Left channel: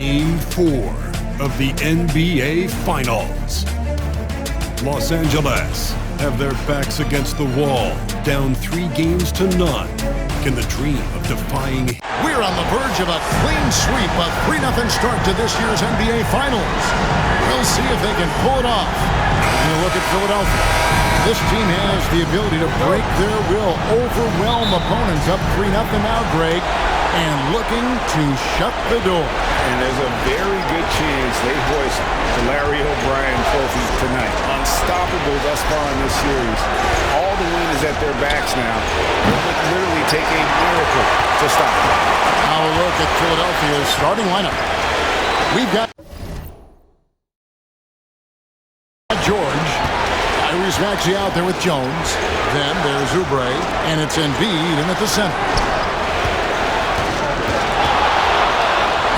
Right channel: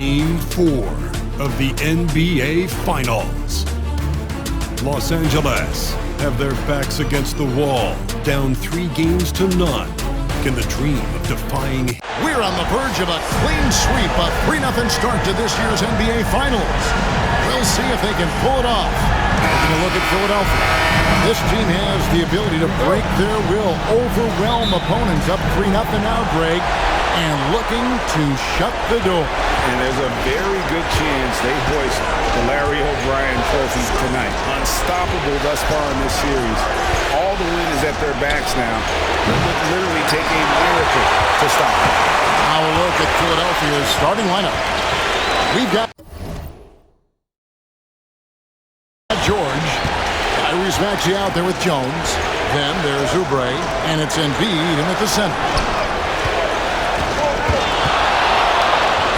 Game 4 of the NBA Finals. Los Angeles have their backs against the wall, down 3-0. Can the dream of defying... We're on the verge of a clean sweep, a 3-0 start to this year's NBA Finals. We'll see if they can pull it off. Taking a look at Philadelphia. This team has the ability to break their will, overwhelm opponents up 3-0 now, Greg, and looking to shut the door. And there's a very good chance they hoist the Larry O'Brien Trophy tonight. Unstoppable thus far in this series. All the wind is at their backs now. It would literally take a miracle to stop them. Now a look at Philadelphia's starting lineup. We've got George. Tyrese Maxey out there with Jones. Then there's Oubre, and it's Embiid in at the center.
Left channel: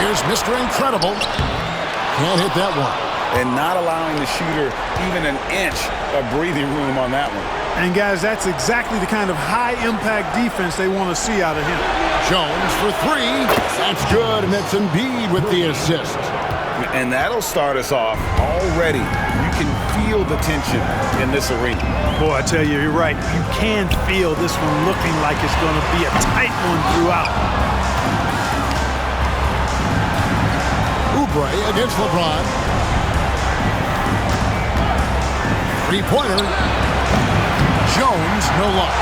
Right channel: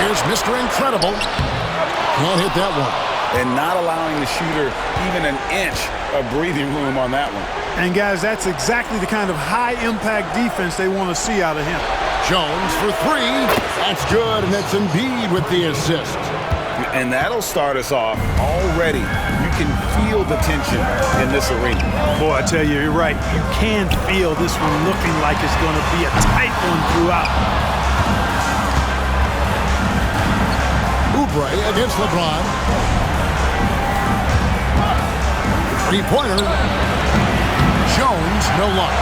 Here's Mr. Incredible. Can't hit that one. And not allowing the shooter even an inch of breathing room on that one. And guys, that's exactly the kind of high-impact defense they want to see out of him. Jones for 3. That's good, and it's Embiid with the assist. And that'll start us off already. You can feel the tension in this arena. Boy, I tell you, you're right. You can feel this one looking like it's going to be a tight one throughout. Oubre against LeBron. Three-pointer. Jones, no luck.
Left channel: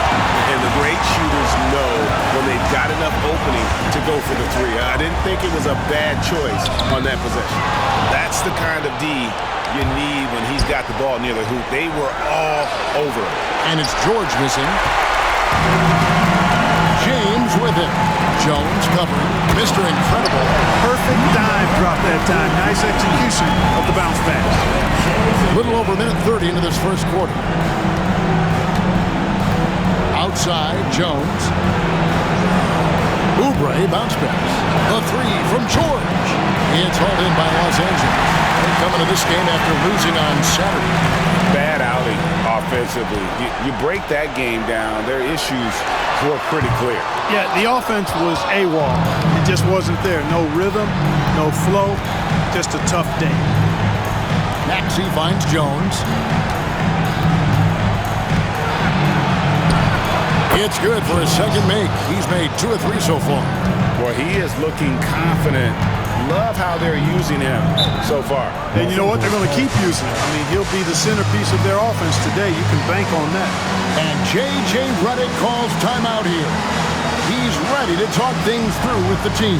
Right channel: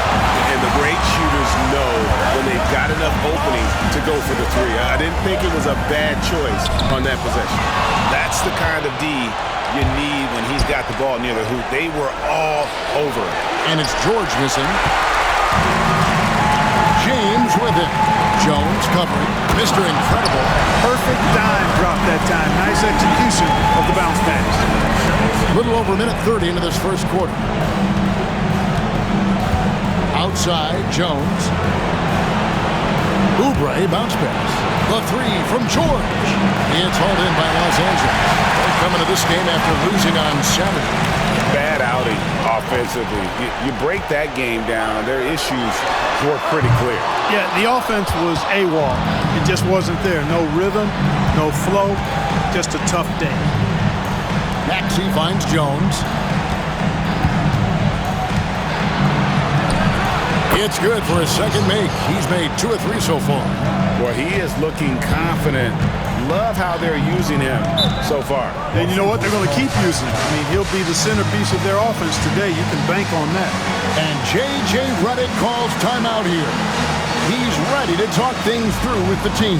And the great shooters know when they've got enough opening to go for the 3. I didn't think it was a bad choice on that possession. That's the kind of D you need when he's got the ball near the hoop. They were all over it. And it's George missing. James with it. Jones covering. Mr. Incredible. Perfect dime drop that time. Nice execution of the bounce pass. A little over a minute 30 into this first quarter. Outside, Jones. Oubre, bounce pass. The 3 from George. It's hauled in by Los Angeles. They're coming to this game after losing on Saturday. Bad outing offensively. You break that game down, their issues were pretty clear. Yeah, the offense was AWOL. It just wasn't there. No rhythm, no flow, just a tough day. Maxey finds Jones. It's good for his second make. He's made 2 or 3 so far. Well, he is looking confident. Love how they're using him so far. And you know what? They're going to keep using him. I mean, he'll be the centerpiece of their offense today. You can bank on that. And J.J. Redick calls timeout here. He's ready to talk things through with the team.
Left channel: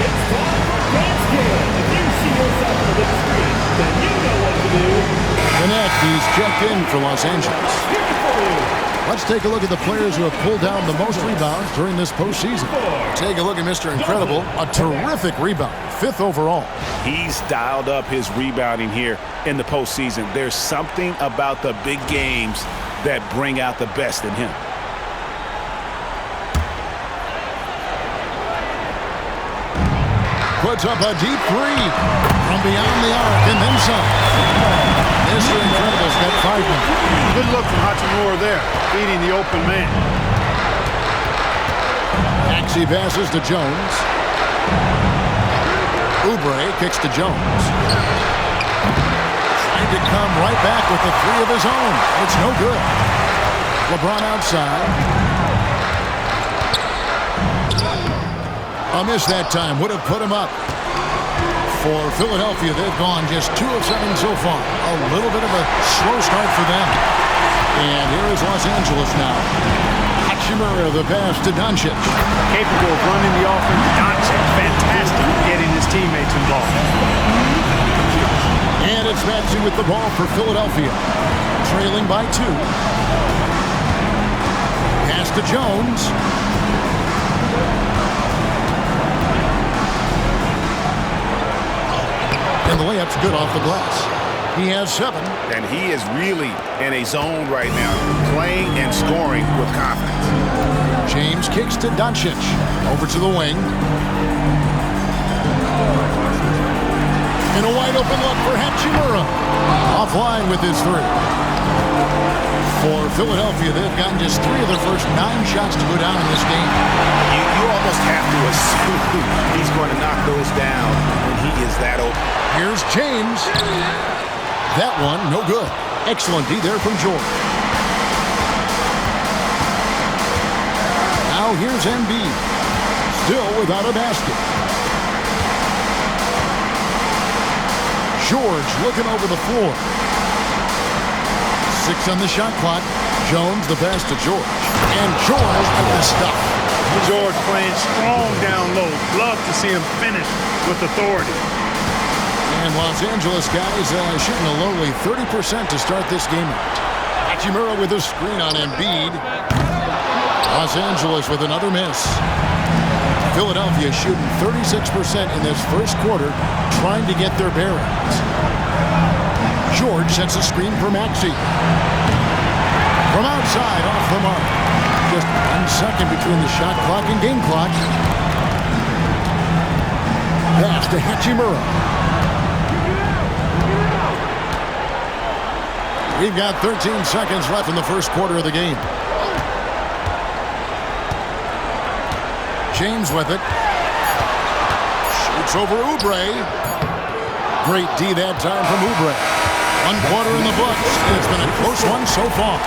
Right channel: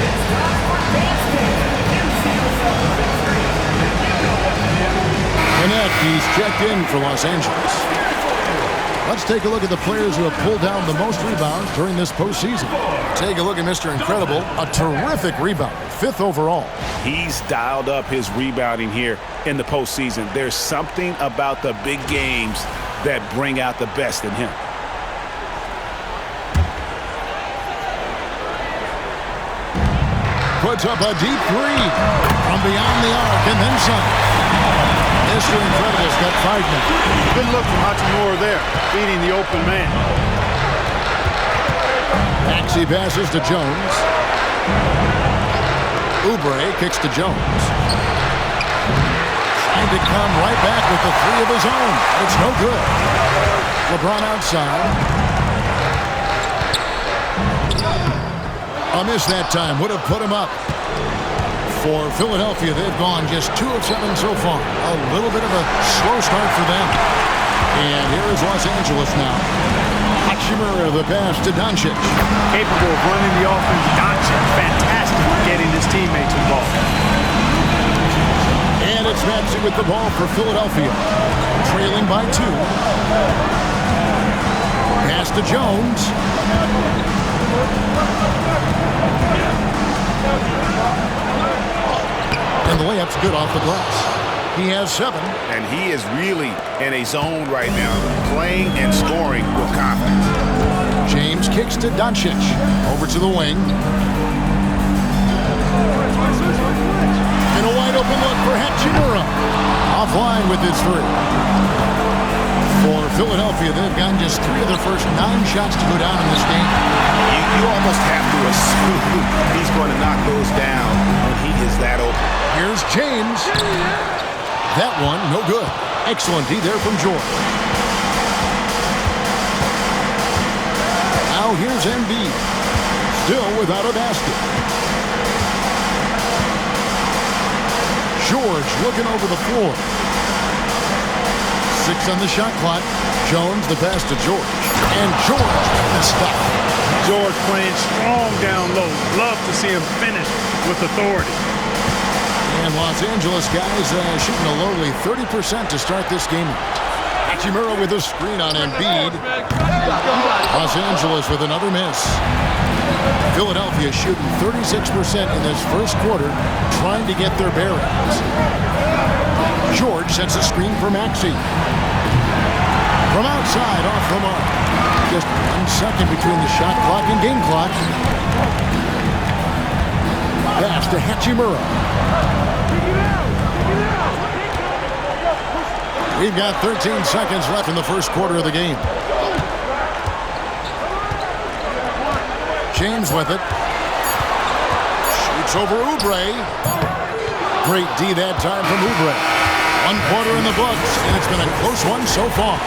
It's time for dance game. If you see yourself on the big screen, then you know what to do. Connect, he's checked in for Los Angeles. Let's take a look at the players who have pulled down the most rebounds during this postseason. Take a look at Mr. Incredible, a terrific rebound, 5th overall. He's dialed up his rebounding here in the postseason. There's something about the big games that bring out the best in him. Puts up a deep 3 from beyond the arc and then some. Mr. Incredible's got 5 now. Good look from Hachimura there, feeding the open man. Maxey passes to Jones. Oubre kicks to Jones. Trying to come right back with the 3 of his own. It's no good. LeBron outside. A miss that time would have put him up. For Philadelphia, they've gone just 2 of 7 so far. A little bit of a slow start for them. And here is Los Angeles now. Hachimura, the pass to Doncic. Capable of running the offense. Doncic, fantastic at getting his teammates involved. And it's Maxey with the ball for Philadelphia. Trailing by 2. Pass to Jones. And the layup's good off the glass. He has 7. And he is really in a zone right now, playing and scoring with confidence. James kicks to Doncic. Over to the wing. In a wide open look for Hachimura. Offline with his 3. For Philadelphia, they've gotten just 3 of their first 9 shots to go down in this game. You almost have to assume he's going to knock those down when he is that open. Here's James. That one, no good. Excellent D there from George. Now here's Embiid. Still without a basket. George looking over the floor. 6 on the shot clock. Jones the pass to George. And George with the stuff. George playing strong down low. Love to see him finish with authority. And Los Angeles guys shooting a lowly 30% to start this game out. Hachimura with a screen on Embiid. Los Angeles with another miss. Philadelphia shooting 36% in this first quarter, trying to get their bearings. George sets a screen for Maxey. From outside, off the mark. Just 1 second between the shot clock and game clock. Pass to Hachimura. We've got 13 seconds left in the first quarter of the game. James with it. Shoots over Oubre. Great D that time from Oubre. 1 quarter in the books, and it's been a close one so far.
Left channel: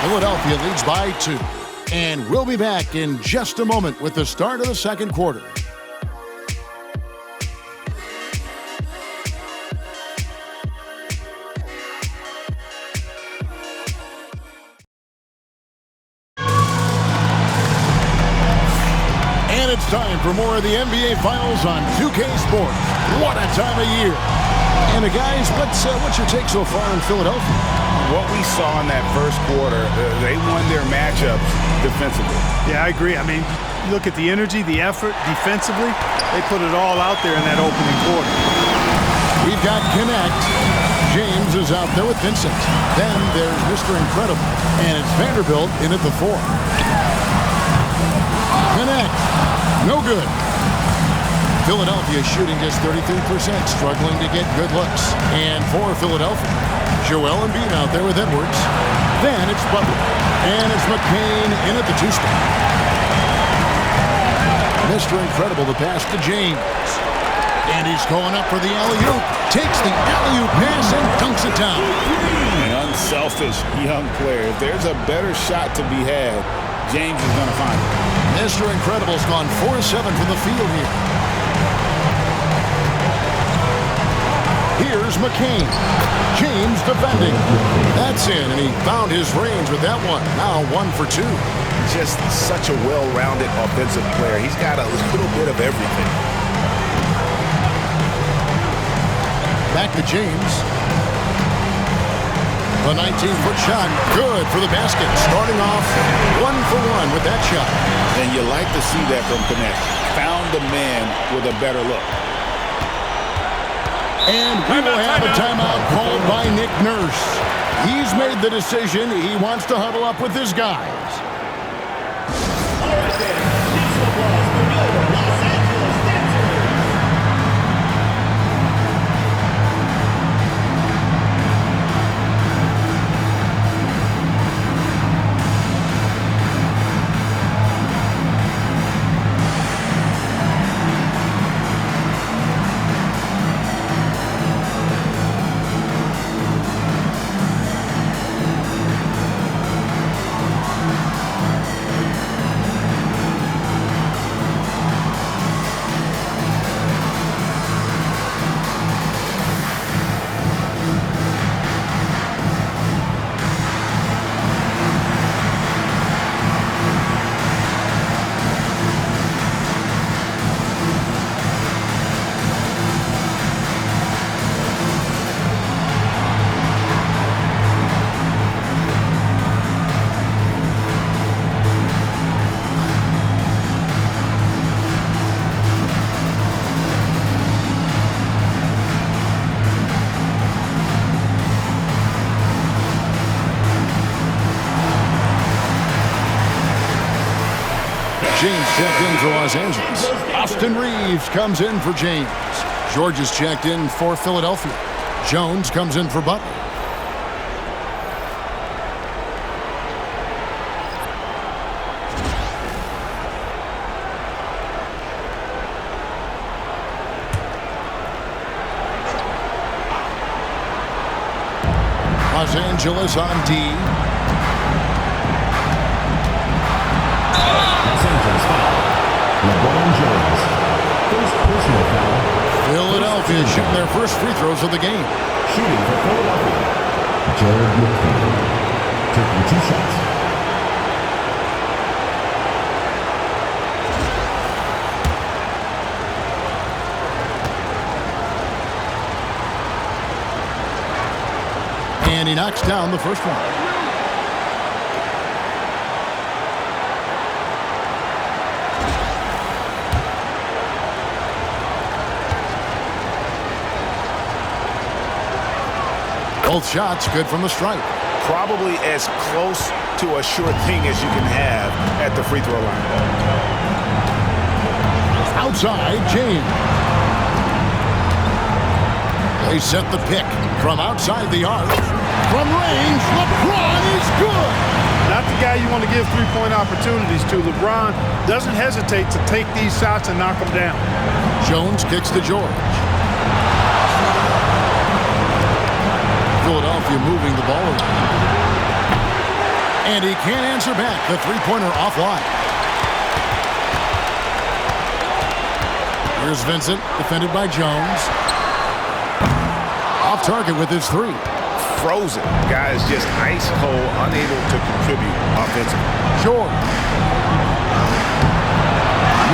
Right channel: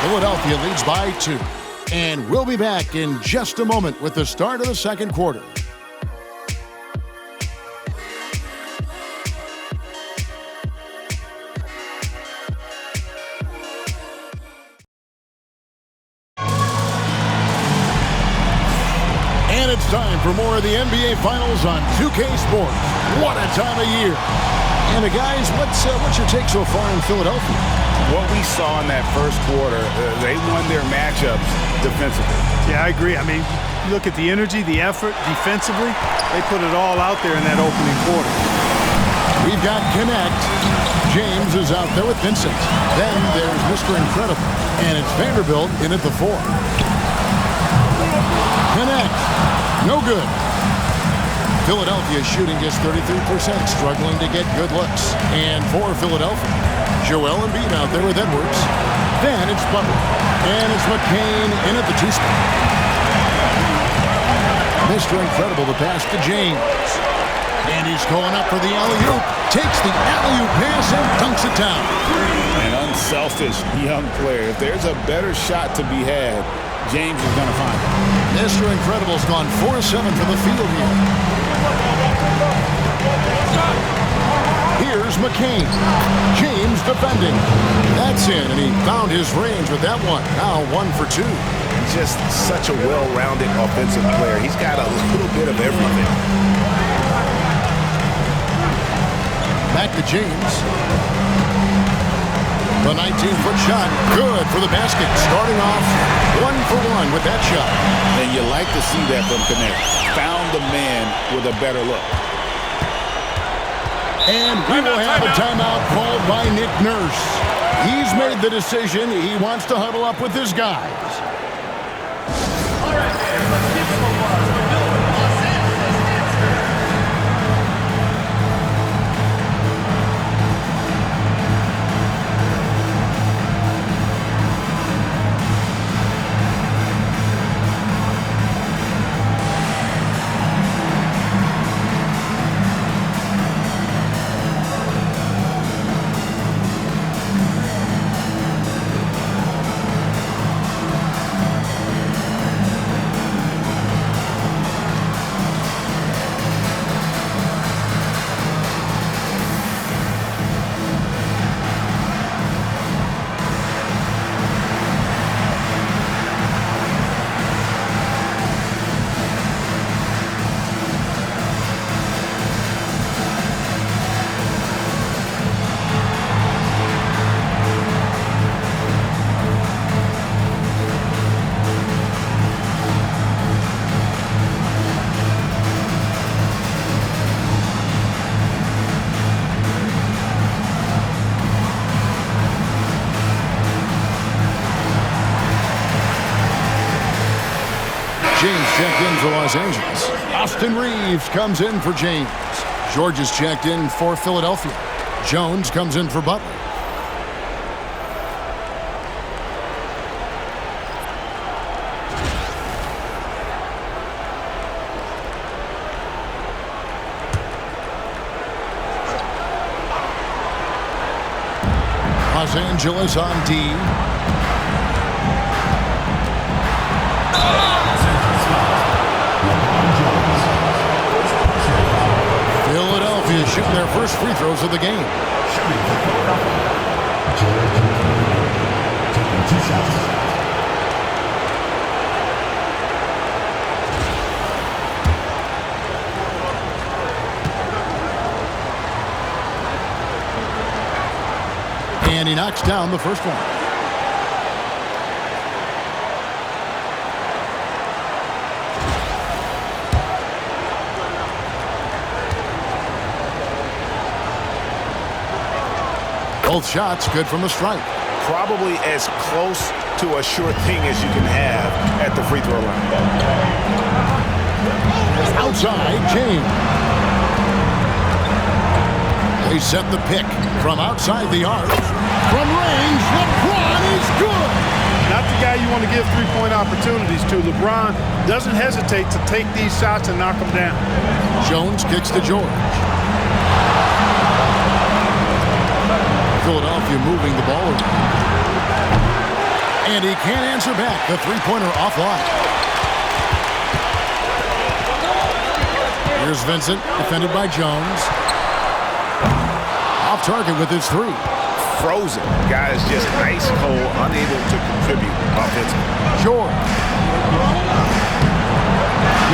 Philadelphia leads by 2. And we'll be back in just a moment with the start of the second quarter. And it's time for more of the NBA Finals on 2K Sports. What a time of year. And guys, what's your take so far in Philadelphia? What we saw in that first quarter, they won their matchups defensively. Yeah, I agree. I mean, you look at the energy, the effort defensively, they put it all out there in that opening quarter. We've got Connect. James is out there with Vincent. Then there's Mr. Incredible. And it's Vanderbilt in at the 4. Connect. No good. Philadelphia shooting just 33%, struggling to get good looks. And for Philadelphia, Joel Embiid out there with Edwards. Then it's Butler. And it's McCain in at the 2 spot. Mr. Incredible, the pass to James. And he's going up for the alley-oop. Takes the alley-oop pass and dunks it down. An unselfish young player. If there's a better shot to be had, James is going to find it. Mr. Incredible's gone 4-7 from the field here. Here's McCain. James defending. That's in, and he found his range with that one. Now 1 for 2. Just such a well-rounded offensive player. He's got a little bit of everything. Back to James. The 19-foot shot, good for the basket. Starting off 1 for 1 with that shot. And you like to see that from Connect. Found the man with a better look. And we will have a timeout called by Nick Nurse. He's made the decision. He wants to huddle up with his guys. All right, then. This one was the Miller Los Angeles Dance. James checked in for Los Angeles. Austin Reeves comes in for James. George is checked in for Philadelphia. Jones comes in for Butler. Los Angeles on D. Los Angeles foul. LeBron James. First personal foul. Philadelphia shooting their first free throws of the game. Shooting for Philadelphia. Jared Goodman. Taking 2 shots. And he knocks down the first one. Both shots good from the stripe. Probably as close to a sure thing as you can have at the free throw line. Outside, James. They set the pick from outside the arc. From range, LeBron is good. Not the guy you want to give three-point opportunities to. LeBron doesn't hesitate to take these shots and knock them down. Jones kicks to George. Philadelphia moving the ball around. And he can't answer back. The three-pointer offline. Here's Vincent, defended by Jones. Off target with his three. Frozen. Guy is just ice cold, unable to contribute offensively. George.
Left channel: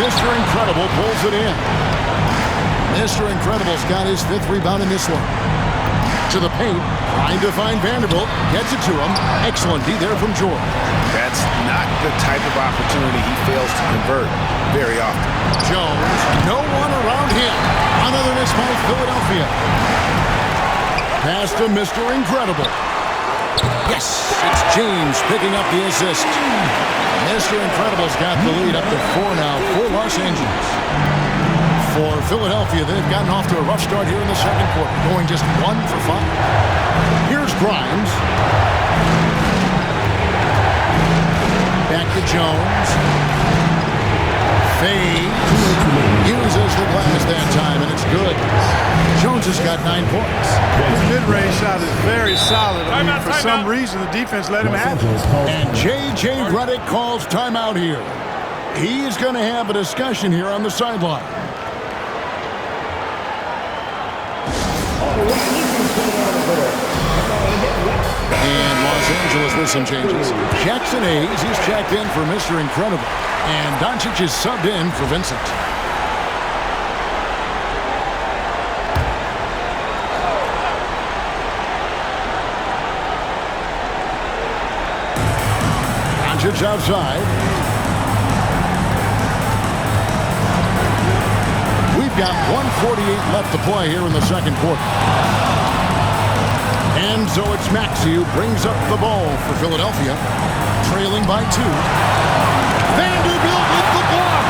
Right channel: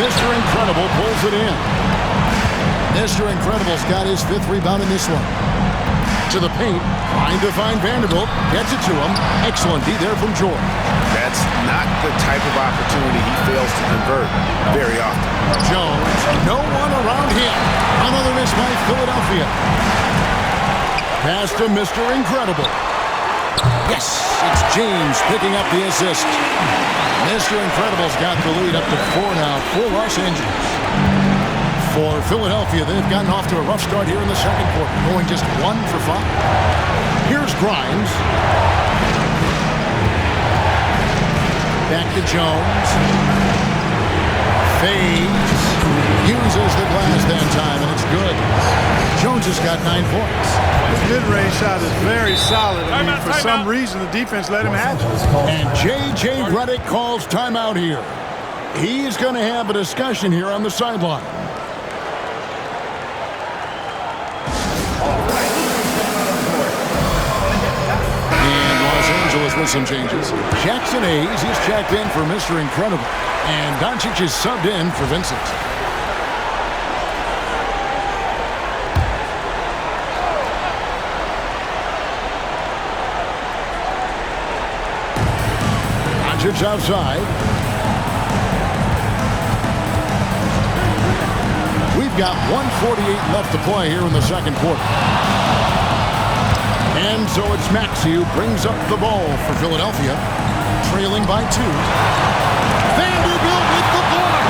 Mr. Incredible pulls it in. Mr. Incredible's got his 5th rebound in this one. To the paint, trying to find Vanderbilt. Gets it to him. Excellent D there from George. That's not the type of opportunity he fails to convert very often. Jones, no one around him. Another miss by Philadelphia. Pass to Mr. Incredible. Yes, it's James picking up the assist. Mr. Incredible's got the lead up to 4 now for Los Angeles. For Philadelphia, they've gotten off to a rough start here in the second quarter, going just 1 for 5. Here's Grimes. Back to Jones. Fades. Uses the glass that time, and it's good. Jones has got 9 points. His mid-range shot is very solid. I mean, for some reason, the defense let him have it. And J.J. Redick calls timeout here. He's going to have a discussion here on the sideline. And Los Angeles with some changes. Jackson Hayes, he's checked in for Mr. Incredible. And Doncic is subbed in for Vincent. Doncic outside. We've got 1:48 left to play here in the second quarter. And so it's Maxey who brings up the ball for Philadelphia, trailing by 2. Vanderbilt with the block.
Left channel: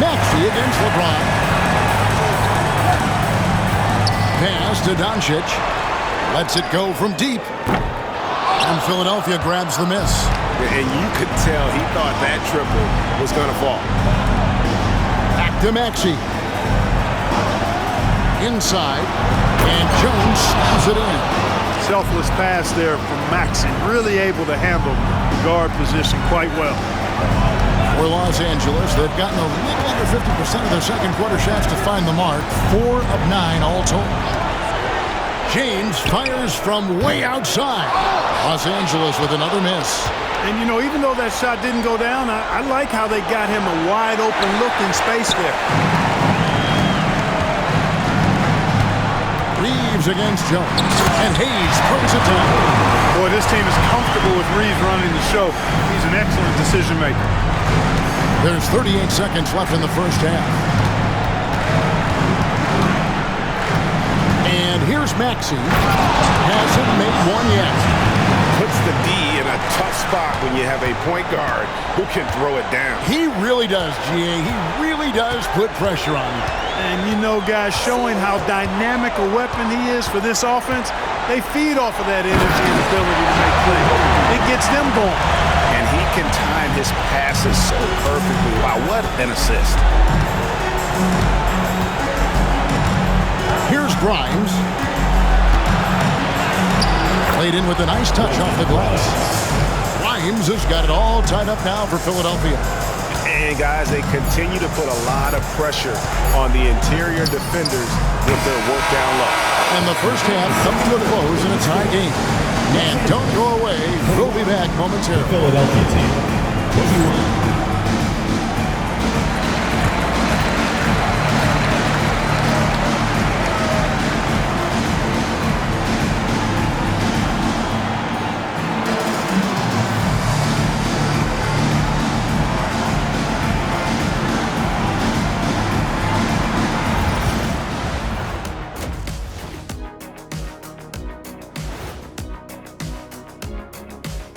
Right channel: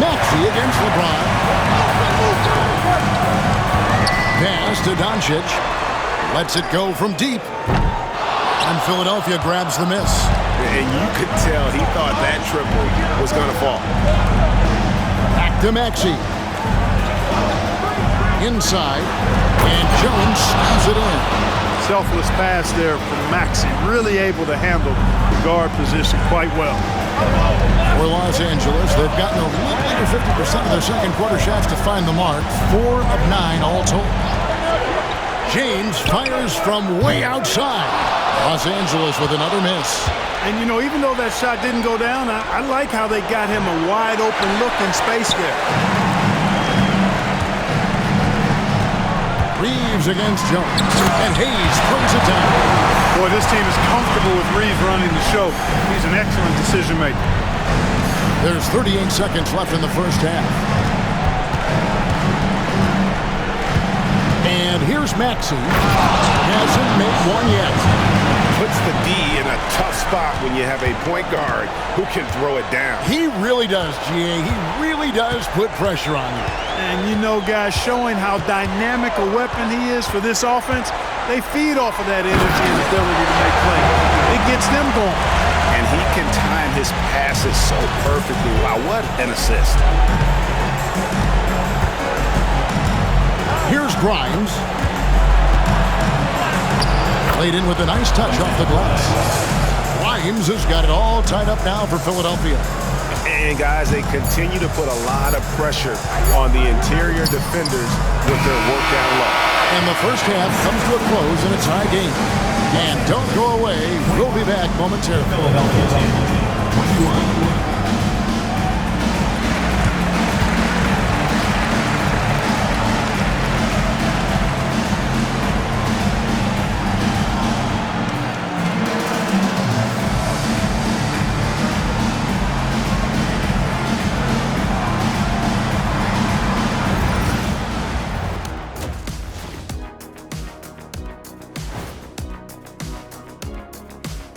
Maxey against LeBron. Pass to Doncic. Lets it go from deep. And Philadelphia grabs the miss. And you could tell he thought that triple was going to fall. Back to Maxey. Inside, and Jones slams it in. Selfless pass there from Maxey. Really able to handle the guard position quite well. For Los Angeles, they've gotten a little under 50% of their second quarter shots to find the mark. 4 of 9 all told. James fires from way outside. Los Angeles with another miss. And, you know, even though that shot didn't go down, I like how they got him a wide open look in space there. Reeves against Jones. And Hayes throws it down. Boy, this team is comfortable with Reeves running the show. He's an excellent decision maker. There's 38 seconds left in the first half. And here's Maxey. Hasn't made one yet. Puts the D in a tough spot when you have a point guard who can throw it down. He really does, GA. He really does put pressure on you. And you know, guys, showing how dynamic a weapon he is for this offense, they feed off of that energy and ability to make plays. It gets them going. And he can time his passes so perfectly. Wow, what an assist. Here's Grimes. Played in with a nice touch off the glass. Grimes has got it all tied up now for Philadelphia. And, guys, they continue to put a lot of pressure on the interior defenders with their work down low. And the first half comes to a close in a tie game. And don't go away. We'll be back momentarily. Philadelphia team. 21.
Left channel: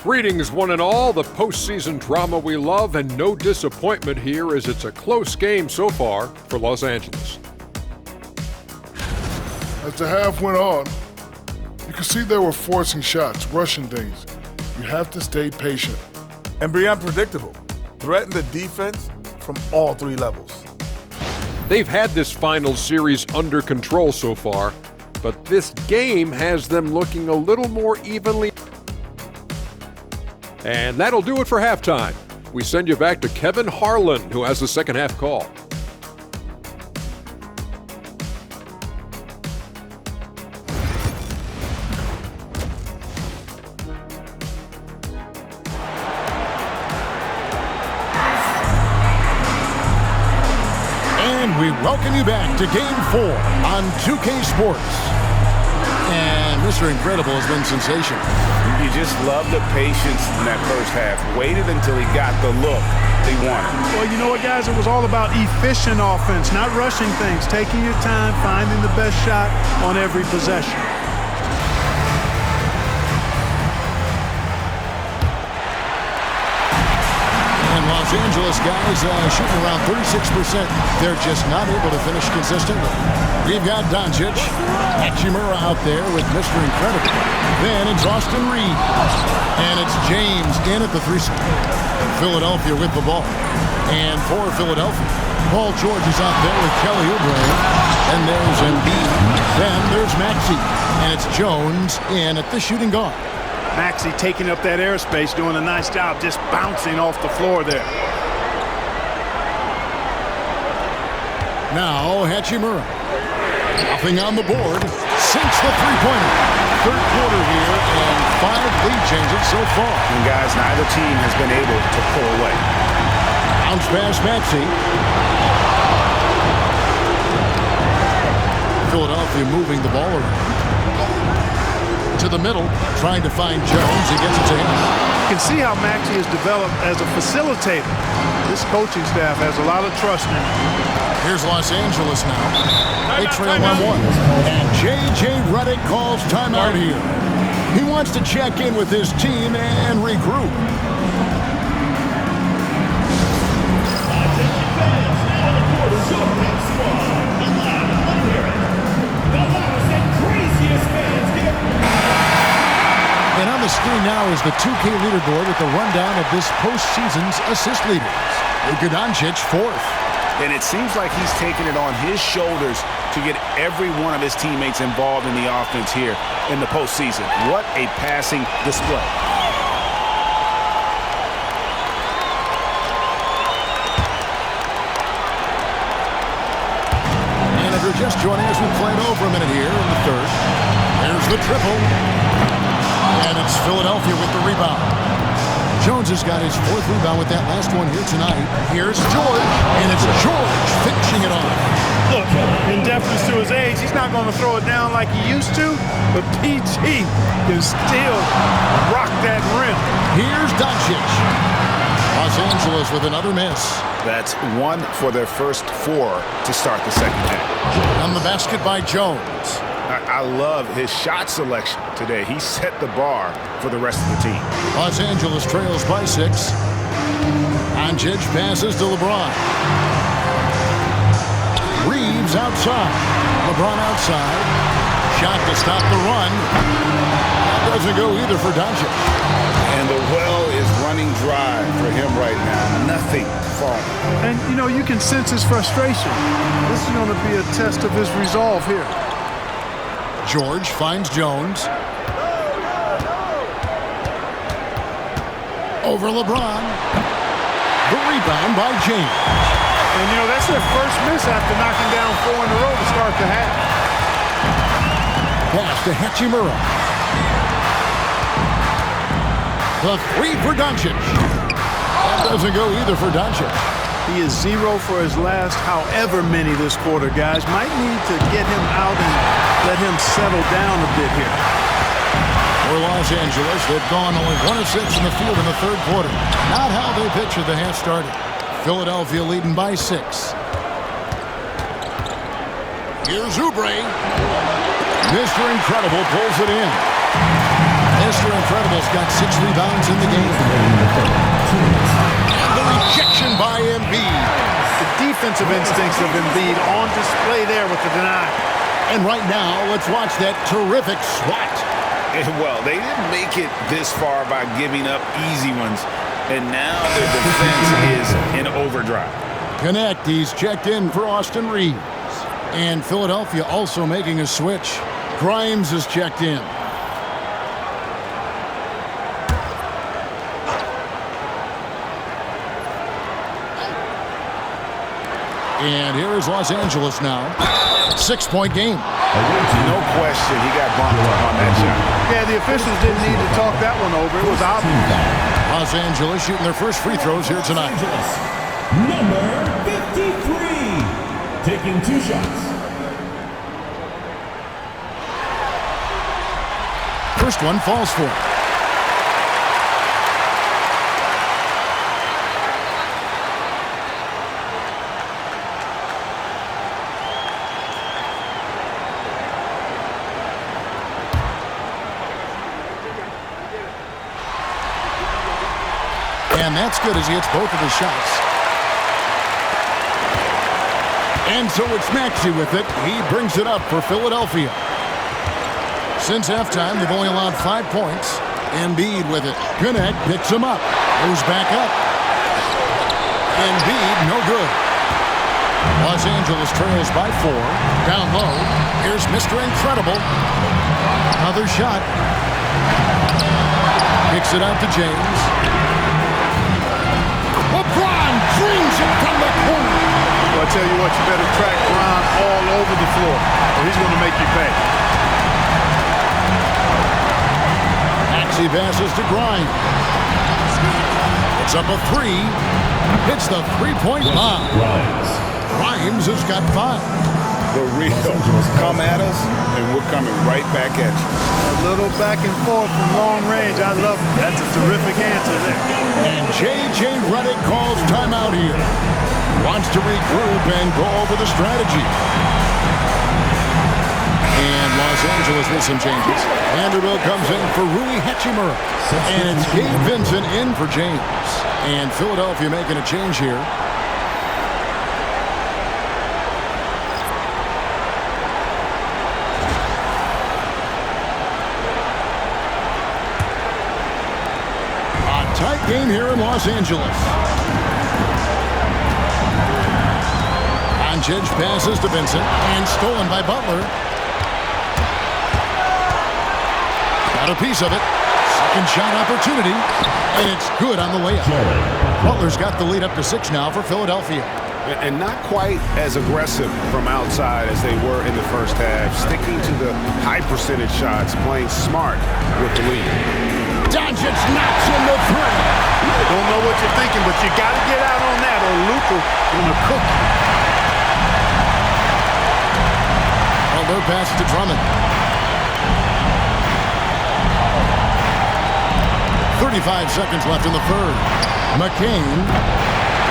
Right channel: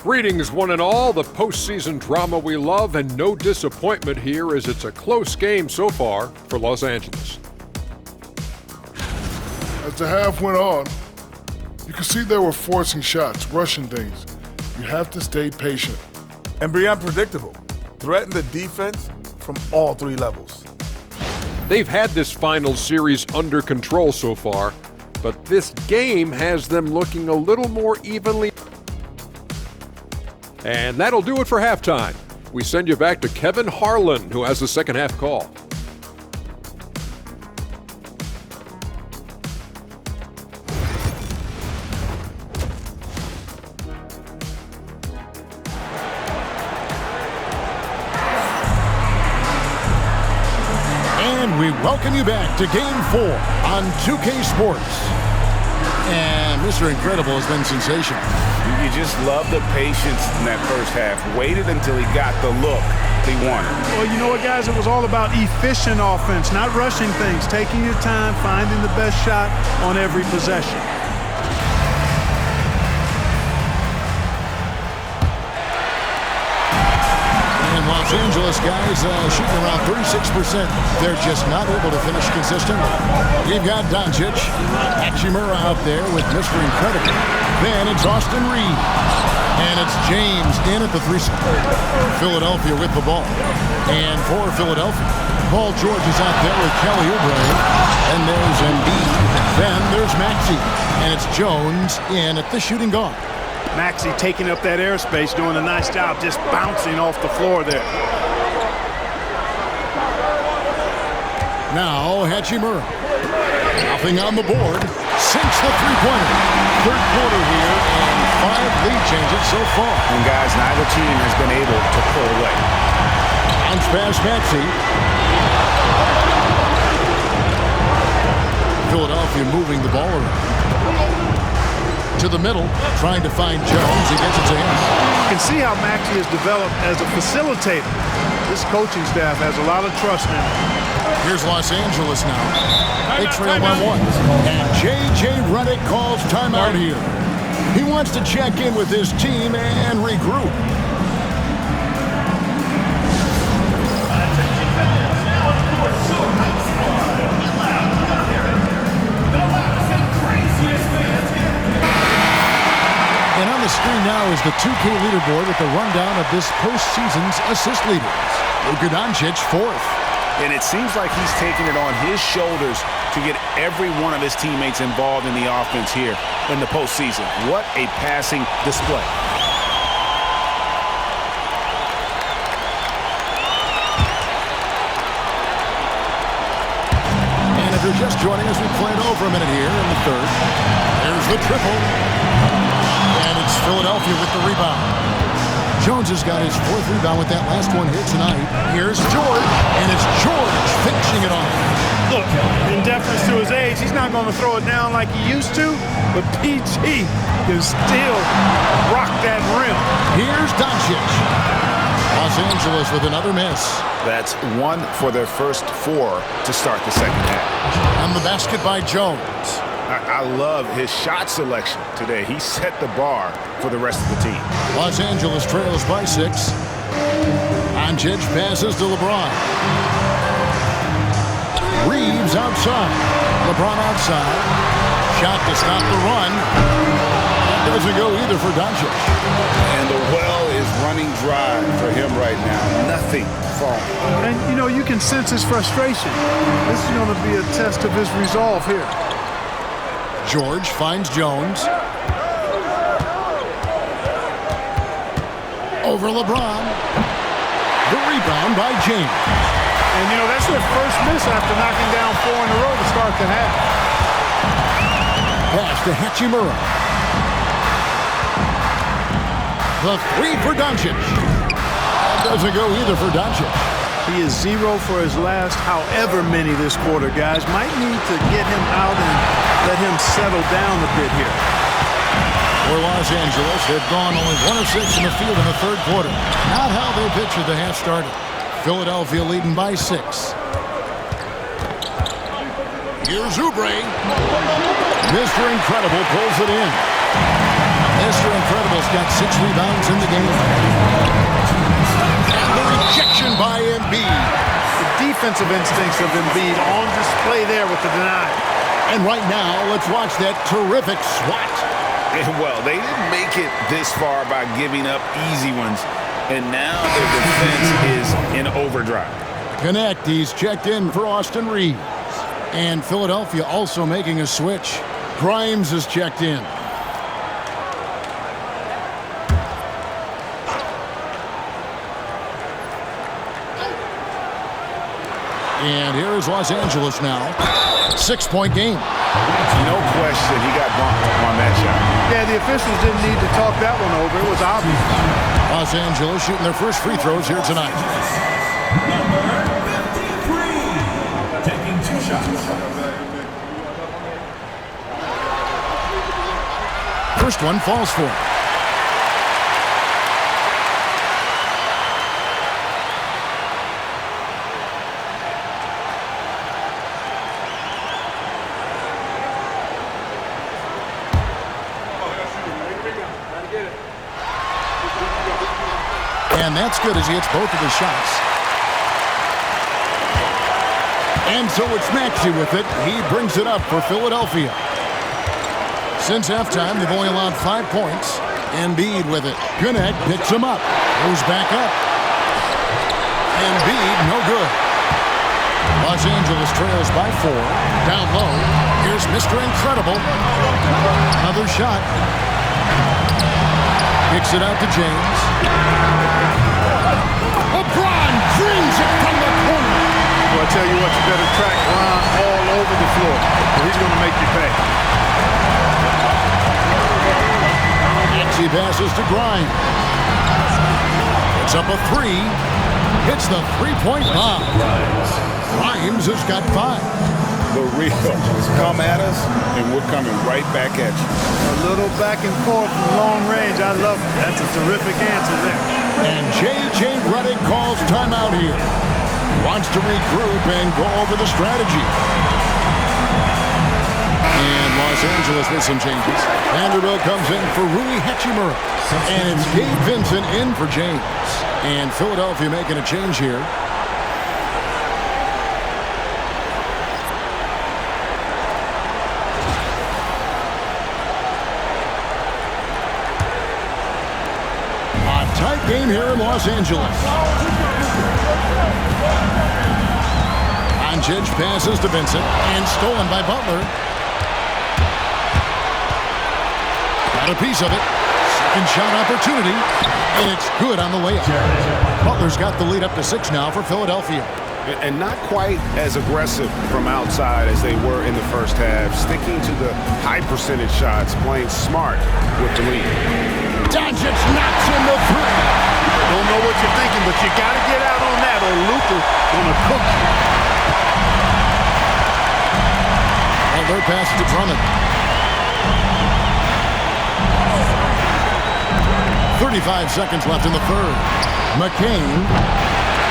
Greetings, one and all. The postseason drama we love, and no disappointment here as it's a close game so far for Los Angeles. As the half went on, you could see they were forcing shots, rushing things. You have to stay patient. And be unpredictable. Threaten the defense from all three levels. They've had this final series under control so far, but this game has them looking a little more evenly. And that'll do it for halftime. We send you back to Kevin Harlan, who has the second half call. And we welcome you back to Game 4 on 2K Sports. And Mr. Incredible has been sensational. You just love the patience in that first half. Waited until he got the look he wanted. Well, you know what, guys? It was all about efficient offense, not rushing things, taking your time, finding the best shot on every possession. And Los Angeles guys shooting around 36%. They're just not able to finish consistently. We've got Doncic, Hachimura out there with Mr. Incredible. Then it's Austin Reeves. And it's James in at the 3-spot. Philadelphia with the ball. And for Philadelphia, Paul George is out there with Kelly Oubre. And there's Embiid. Then there's Maxey. And it's Jones in at the shooting guard. Maxey taking up that airspace, doing a nice job just bouncing off the floor there. Now Hachimura. Nothing on the board. Sinks the three-pointer. Third quarter here and 5 lead changes so far. And guys, neither team has been able to pull away. Bounce pass Maxey. Philadelphia moving the ball around. To the middle, trying to find Jones. He gets it to him. You can see how Maxey has developed as a facilitator. This coaching staff has a lot of trust in him. Here's Los Angeles now. They trail by 1. And J.J. Redick calls timeout here. He wants to check in with his team and regroup. And on the screen now is the 2K leaderboard with a rundown of this postseason's assist leaders. Luka Doncic, 4th. And it seems like he's taking it on his shoulders to get every one of his teammates involved in the offense here in the postseason. What a passing display. And if you're just joining us, we played over a minute here in the third. There's the triple. And it's Philadelphia with the rebound. Jones has got his 4th rebound with that last one here tonight. Here's George, and it's George finishing it off. Look, in deference to his age, he's not going to throw it down like he used to, but PG can still rock that rim. Here's Doncic. Los Angeles with another miss. That's 1 for their first 4 to start the second half. On the basket by Jones. I love his shot selection today. He set the bar for the rest of the team. Los Angeles trails by 6. Doncic passes to LeBron. Reeves outside. LeBron outside. Shot to stop the run. That doesn't go either for Doncic. And the well is running dry for him right now. Nothing falling. And, you know, you can sense his frustration. This is going to be a test of his resolve here. George finds Jones. Over LeBron. The rebound by James. And, you know, that's their first miss after knocking down 4 in a row to start the half. Pass to Hachimura. The three for Doncic. That doesn't go either for Doncic. He is 0 for his last however many this quarter, guys. Might need to get him out and let him settle down a bit here. For Los Angeles, they've gone only 1 of 6 in the field in the third quarter. Not how they pictured the half started. Philadelphia leading by 6. Here's Oubre. Mr. Incredible pulls it in. Mr. Incredible's got 6 rebounds in the game. And the rejection by Embiid. The defensive instincts of Embiid on display there with the denial. And right now, let's watch that terrific swat. Well, they didn't make it this far by giving up easy ones, and now their defense is in overdrive. Connect, he's checked in for Austin Reeves. And Philadelphia also making a switch. Grimes is checked in. And here is Los Angeles now. 6-point game. No question he got bumped on that shot. Yeah, the officials didn't need to talk that one over. It was obvious. Los Angeles shooting their first free throws here tonight. Number 53, taking 2 shots. First one falls for him. And that's good as he hits both of his shots. And so it's Maxey with it. He brings it up for Philadelphia. Since halftime, they've only allowed 5 points. Embiid with it. Connect picks him up. Goes back up. Embiid, no good. Los Angeles trails by 4. Down low. Here's Mr. Incredible. Another shot. Kicks it out to James. LeBron dreams it from the corner. Well, I tell you what, you better track Ron all over the floor, or he's going to make you pay. Maxey passes to Grimes. Puts up a 3. Hits the three-point bomb. Grimes has got 5. The real come at us, and we're coming right back at you. A little back and forth from long range. I love it. That's a terrific answer there. And J.J. Redick calls timeout here. Wants to regroup and go over the strategy. And Los Angeles with some changes. Vanderbilt comes in for Rui Hachimura. And it's Gabe Vincent in for James. And Philadelphia making a change here. Tight game here in Los Angeles. Doncic passes to Vincent and stolen by Butler. Got a piece of it. Second shot opportunity, and it's good on the layup. Butler's got the lead up to 6 now for Philadelphia. And not quite as aggressive from outside as they were in the first half, sticking to the high percentage shots, playing smart with the lead. Doncic knocks in the 3. Don't know what you're thinking, but you got to get out on that or Luka gonna cook you. Butler passes to Drummond. 35 seconds left in the third. McCain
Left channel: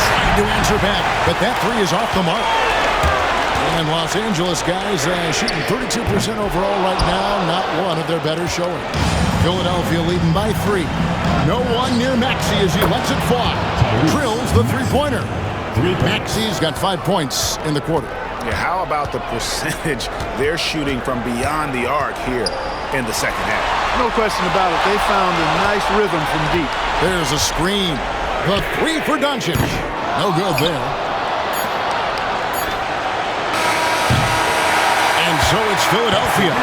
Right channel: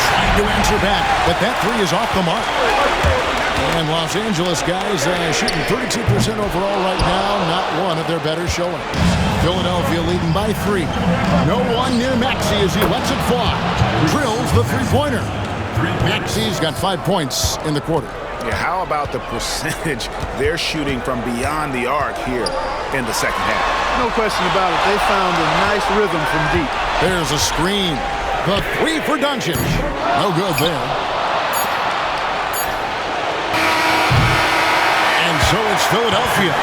trying to answer back, but that 3 is off the mark. And Los Angeles guys shooting 32% overall right now, not one of their better showings. Philadelphia leading by 3. No one near Maxey as he lets it fly. Drills the three-pointer. Maxey's got 5 points in the quarter. Yeah, how about the percentage they're shooting from beyond the arc here in the second half? No question about it. They found a nice rhythm from deep. There's a screen. The 3 for Doncic. No good there. And And so it's Philadelphia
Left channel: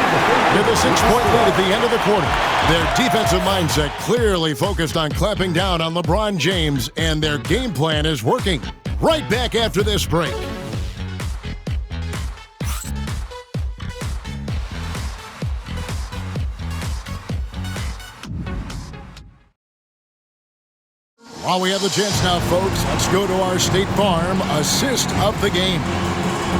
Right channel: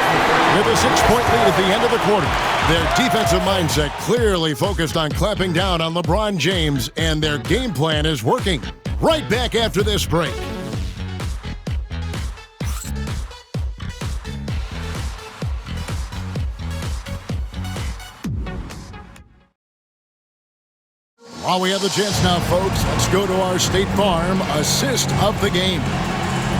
with a 6-point lead at the end of the quarter. Their defensive mindset clearly focused on clamping down on LeBron James, and their game plan is working. Right back after this break. While we have the chance now, folks, let's go to our State Farm assist of the game.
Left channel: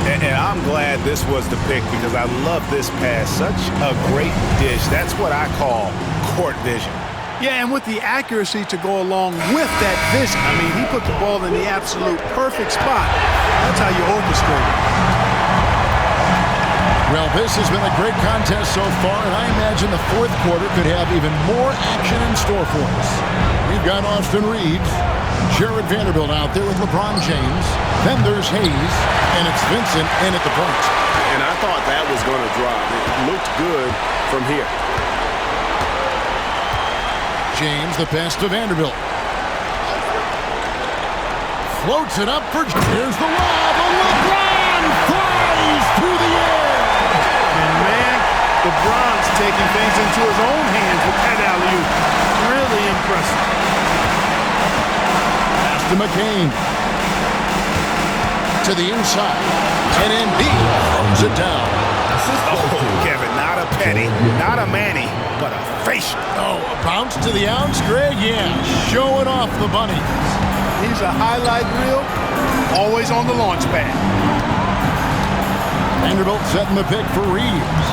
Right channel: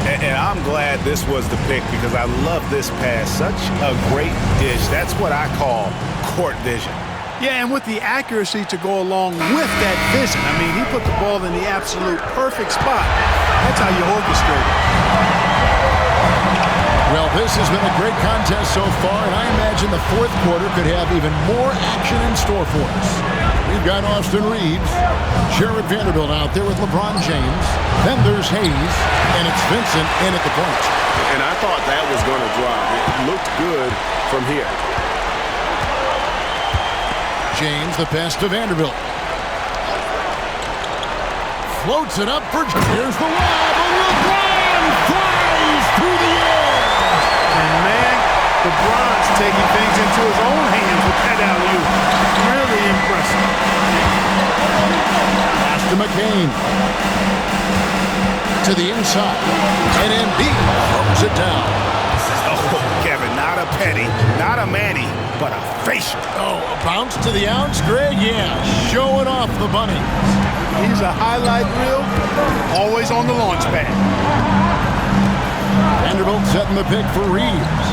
And I'm glad this was the pick because I love this pass. Such a great dish. That's what I call court vision. Yeah, and with the accuracy to go along with that vision. I mean, he put the ball in the absolute perfect spot. That's how you orchestrate it. Well, this has been a great contest so far, and I imagine the fourth quarter could have even more action in store for us. We've got Austin Reeves, Jared Vanderbilt out there with LeBron James. Then there's Hayes, and it's Vincent in at the point. And I thought that was going to drop. It looked good from here. James, the pass to Vanderbilt. Floats it up for... Here's the lob, and LeBron flies through the air. And, man, LeBron's taking things into his own hands with that alley-oop. Really impressive. Pass to McCain. To the inside. And Embiid throws it down. Oh, Kevin, not a penny, not a Manny, but a facial. Oh, a bounce to the ounce, Greg? Yeah, showing off the bunny. He's a highlight reel, always on the launch pad. Vanderbilt setting the pick for Reeves.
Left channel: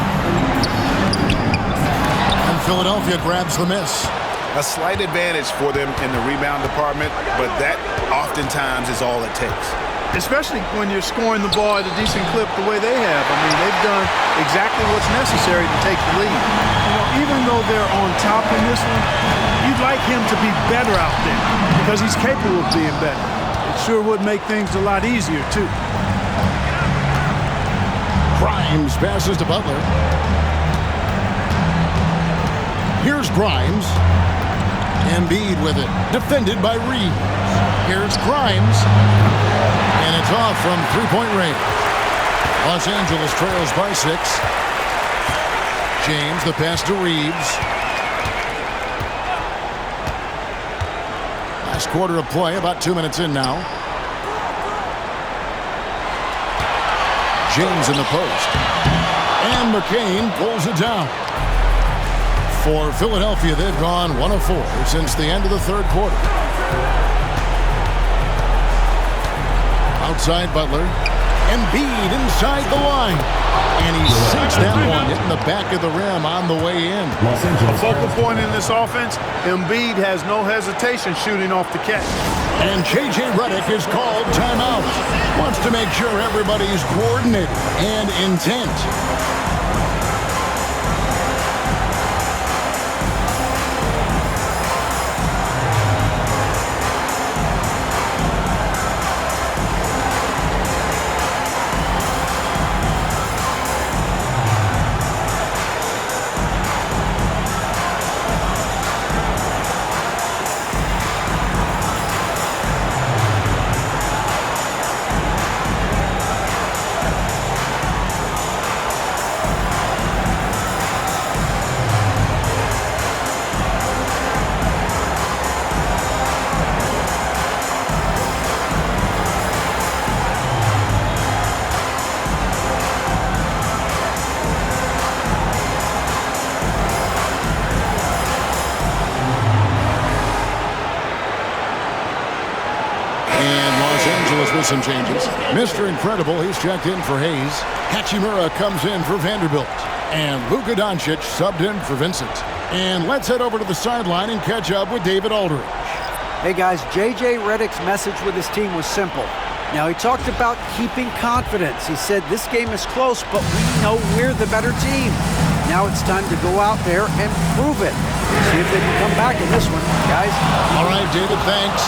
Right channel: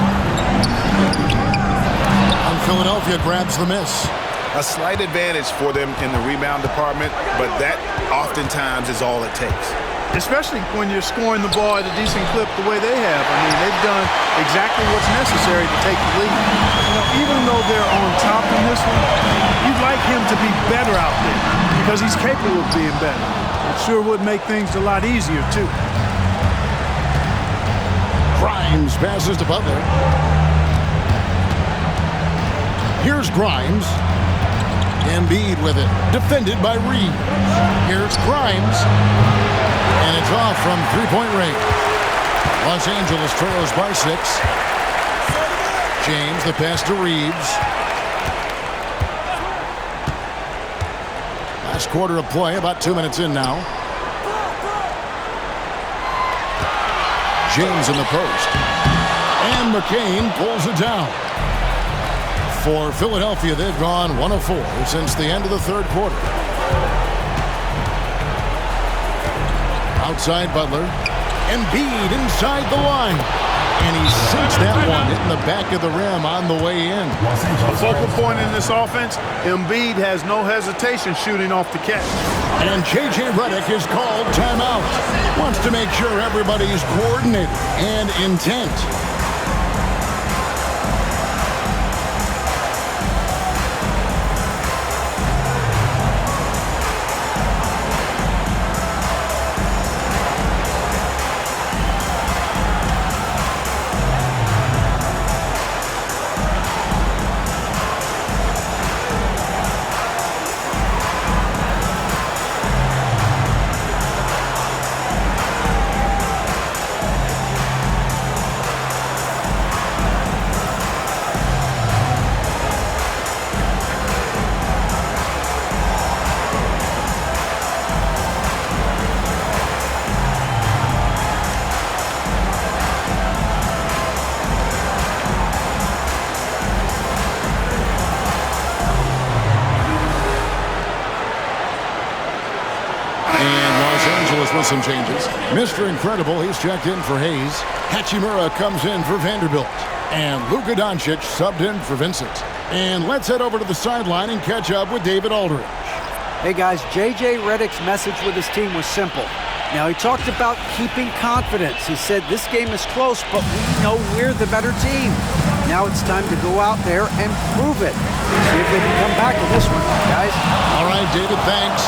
And Philadelphia grabs the miss. A slight advantage for them in the rebound department, but that oftentimes is all it takes. Especially when you're scoring the ball at a decent clip the way they have. I mean, they've done exactly what's necessary to take the lead. You know, even though they're on top in this one, you'd like him to be better out there because he's capable of being better. It sure would make things a lot easier, too. Grimes passes to Butler. Here's Grimes. Embiid with it. Defended by Reeves. Here's Grimes. And it's off from three-point range. Los Angeles trails by 6. James, the pass to Reeves. Last quarter of play, about 2 minutes in now. James in the post. And McCain pulls it down. For Philadelphia, they've gone 1 of 4 since the end of the third quarter. Outside Butler. Embiid inside the line. And he sinks that one, hitting the back of the rim on the way in. A focal point in this offense, Embiid has no hesitation shooting off the catch. And J.J. Redick is called timeout. Wants to make sure everybody's coordinated and intent. With some changes. Mr. Incredible, he's checked in for Hayes. Hachimura comes in for Vanderbilt. And Luka Doncic subbed in for Vincent. And let's head over to the sideline and catch up with David Aldridge. Hey guys, J.J. Redick's message with his team was simple. Now he talked about keeping confidence. He said this game is close, but we know we're the better team. Now it's time to go out there and prove it. See if they can come back in this one, guys. All right, David, thanks.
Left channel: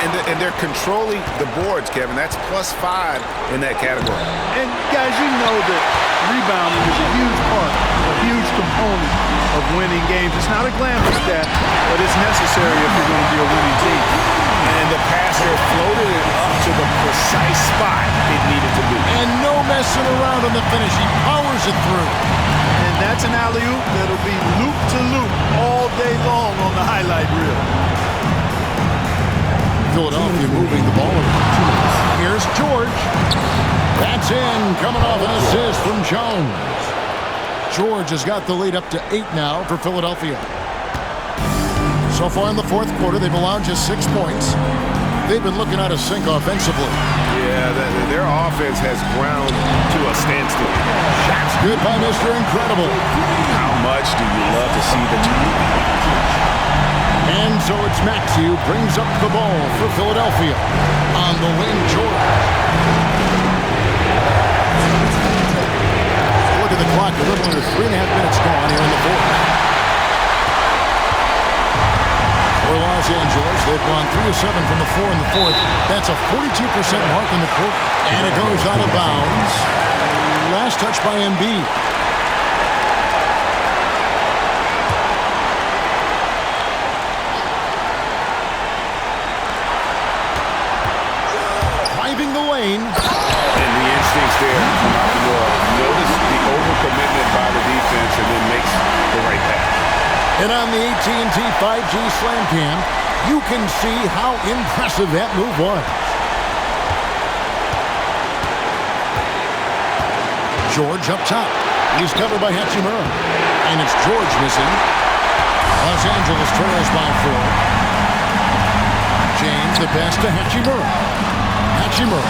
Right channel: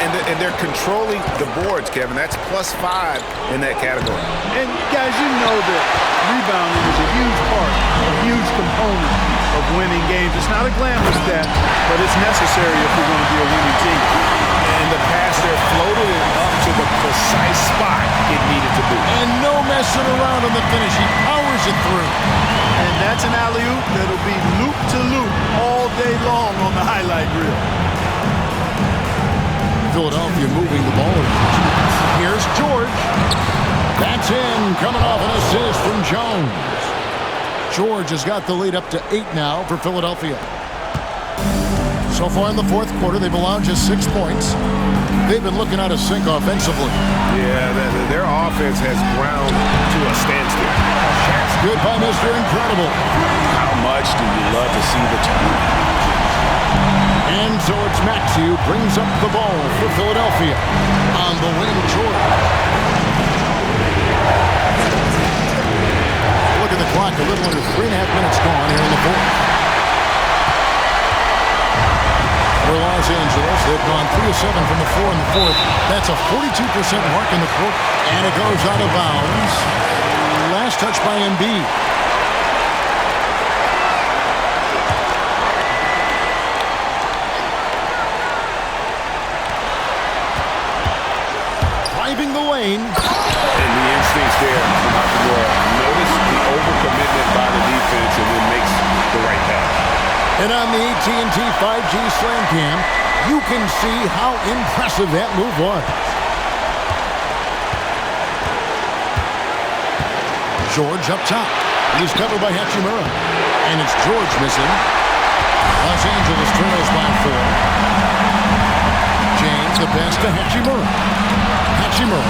And they're controlling the boards, Kevin. That's +5 in that category. And, guys, you know that rebounding is a huge part, a huge component of winning games. It's not a glamour stat, but it's necessary if you're going to be a winning team. And the pass there floated it up to the precise spot it needed to be. And no messing around on the finish. He powers it through. And that's an alley-oop that'll be loop to loop all day long on the highlight reel. Philadelphia moving the ball around. Here's George. That's in, coming off an assist from Jones. George has got the lead up to 8 now for Philadelphia. So far in the fourth quarter, they've allowed just 6 points. They've been looking out of sync offensively. Yeah, their offense has ground to a standstill. Shots good by Mr. Incredible. How much do you love to see the turnover? And so it's Maxey who brings up the ball for Philadelphia. On the wing, George. Look at the clock, a little under 3.5 minutes gone here in the fourth. For Los Angeles, they've gone 3 of 7 from the floor in the fourth. That's a 42% mark in the quarter. And it goes out of bounds. Last touch by Embiid. Driving the lane. And the instincts there from Hachimura. Notice the overcommitment by the defense and then makes the right pass. And on the AT&T 5G Slam Cam, you can see how impressive that move was. George up top. He's covered by Hachimura. And it's George missing. Los Angeles trails by 4. James the pass to Hachimura. Hachimura.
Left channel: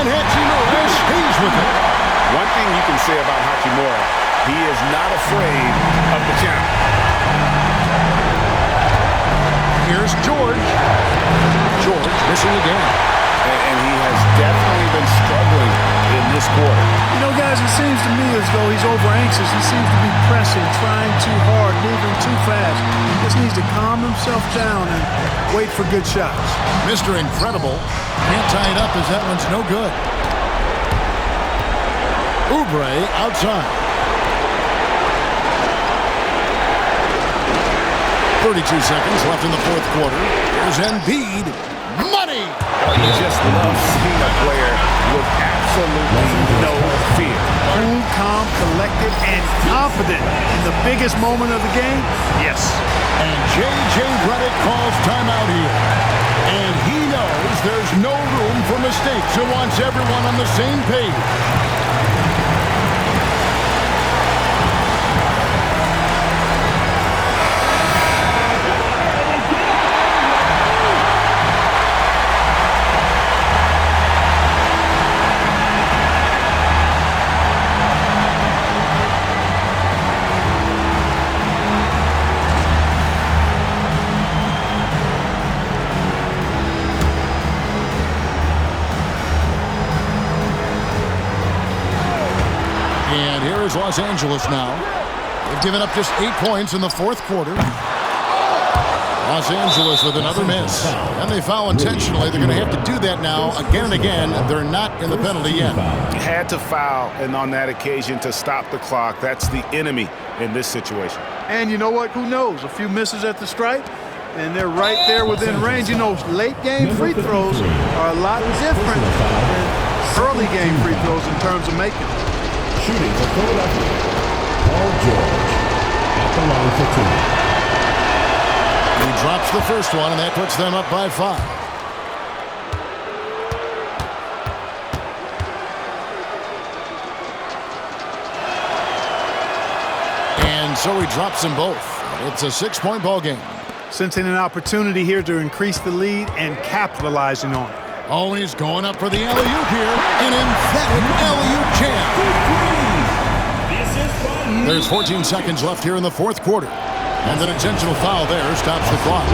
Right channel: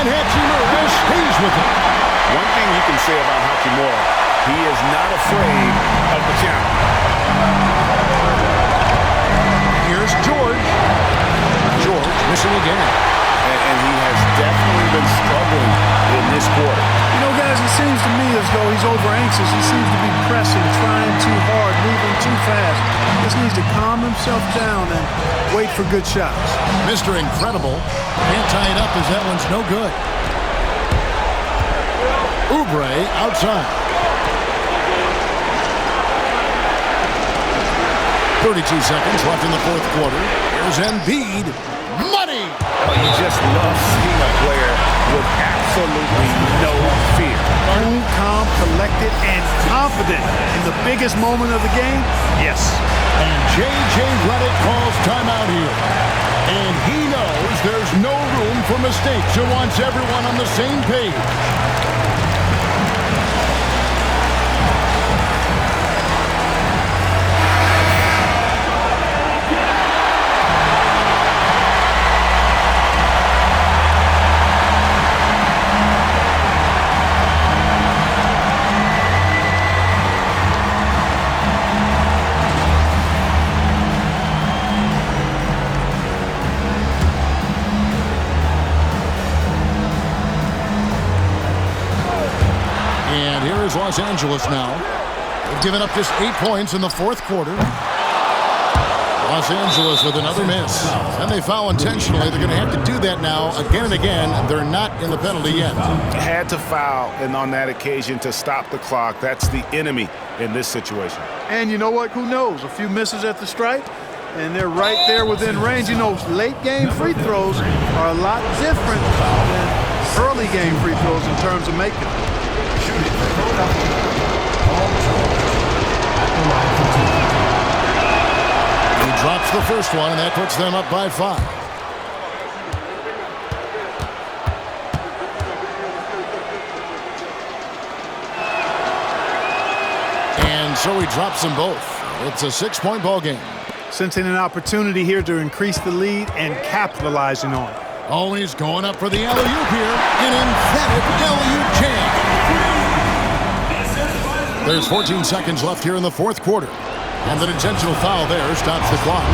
And Hachimura stays with it. One thing you can say about Hachimura, he is not afraid of the challenge. Here's George. George missing again. And he has definitely been struggling in this quarter. You know, guys, it seems to me as though he's over-anxious. He seems to be pressing, trying too hard, moving too fast. Just needs to calm himself down and wait for good shots. Mr. Incredible can't tie it up as that one's no good. Oubre outside. 32 seconds left in the fourth quarter. Here's Embiid. Money! Oh, you just love seeing a player with absolutely no fear. Cool, calm, collected, and confident in the biggest moment of the game? Yes. And J.J. Redick calls timeout here. And he knows there's no room for mistakes and wants everyone on the same page. And here is Los Angeles now. They've given up just 8 points in the fourth quarter. Los Angeles with another miss. And they foul intentionally. They're going to have to do that now again and again. They're not in the penalty yet. Had to foul, and on that occasion to stop the clock. That's the enemy in this situation. And you know what? Who knows? A few misses at the stripe, and they're right there within range. You know, late-game free throws are a lot different than early-game free throws in terms of making them. Shooting for Philadelphia, Paul George at the line for 2. He drops the first one, and that puts them up by 5. And so he drops them both. It's a 6-point ball game. Sensing an opportunity here to increase the lead and capitalizing on it. Always going up for the alley-oop here. An emphatic alley-oop jam. There's 14 seconds left here in the fourth quarter. And an intentional foul there stops the clock.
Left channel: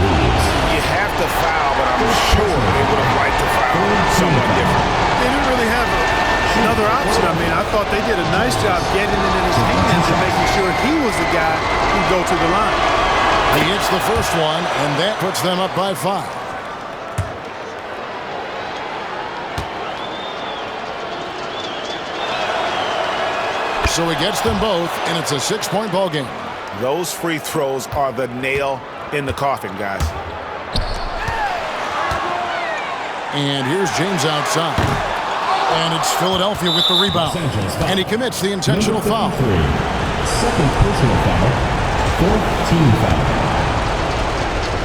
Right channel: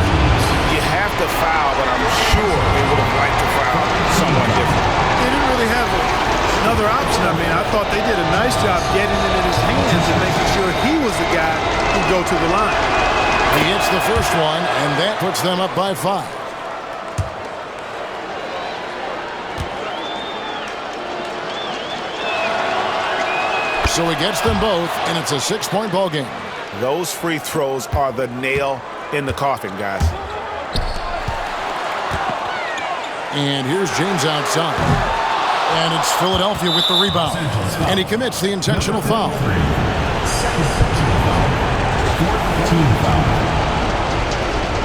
You have to foul, but I'm sure they would have liked to foul someone different. They didn't really have another option. I mean, I thought they did a nice job getting it in his hands and making sure he was the guy who'd go to the line. He hits the first one, and that puts them up by 5. So he gets them both, and it's a 6-point ball game. Those free throws are the nail in the coffin, guys. And here's James outside. And it's Philadelphia with the rebound. And he commits the intentional foul. Second personal foul. Fourth team foul.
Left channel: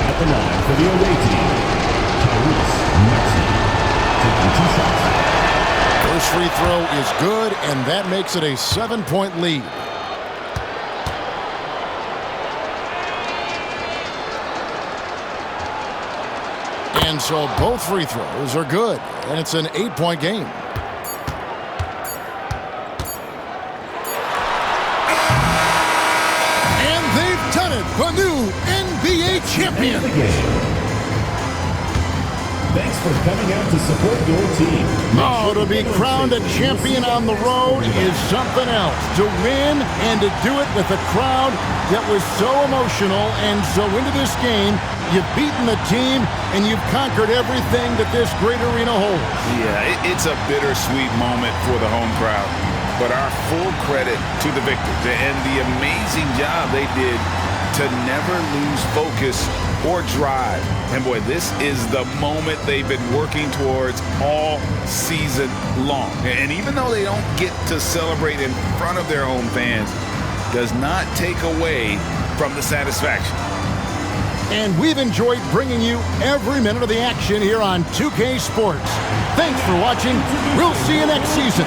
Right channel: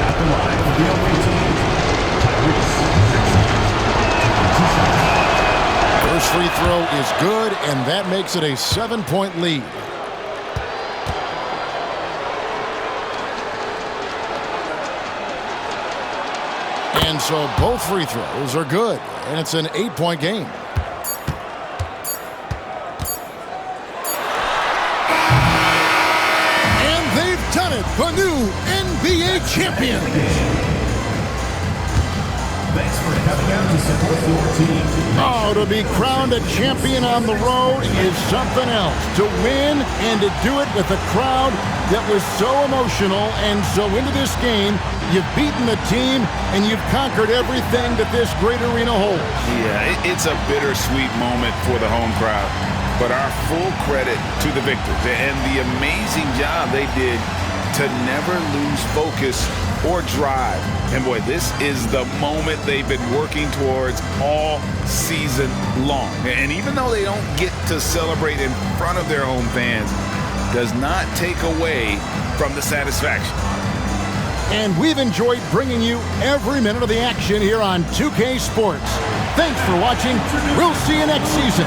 At the line for the away team, Tyrese Maxey. Taking 2 shots. First free throw is good, and that makes it a 7-point lead. And so both free throws are good, and it's an 8-point game. And they've done it, the new NBA champion. Thanks for coming out to support your team. Oh, to be crowned a champion on the road is something else. To win and to do it with a crowd that was so emotional and so into this game. You've beaten the team, and you've conquered everything that this great arena holds. Yeah, it's a bittersweet moment for the home crowd. But our full credit to the victors and the amazing job they did to never lose focus or drive. And boy, this is the moment they've been working towards all season long. And even though they don't get to celebrate in front of their home fans, does not take away from the satisfaction. And we've enjoyed bringing you every minute of the action here on 2K Sports. Thanks for watching. We'll see you next season.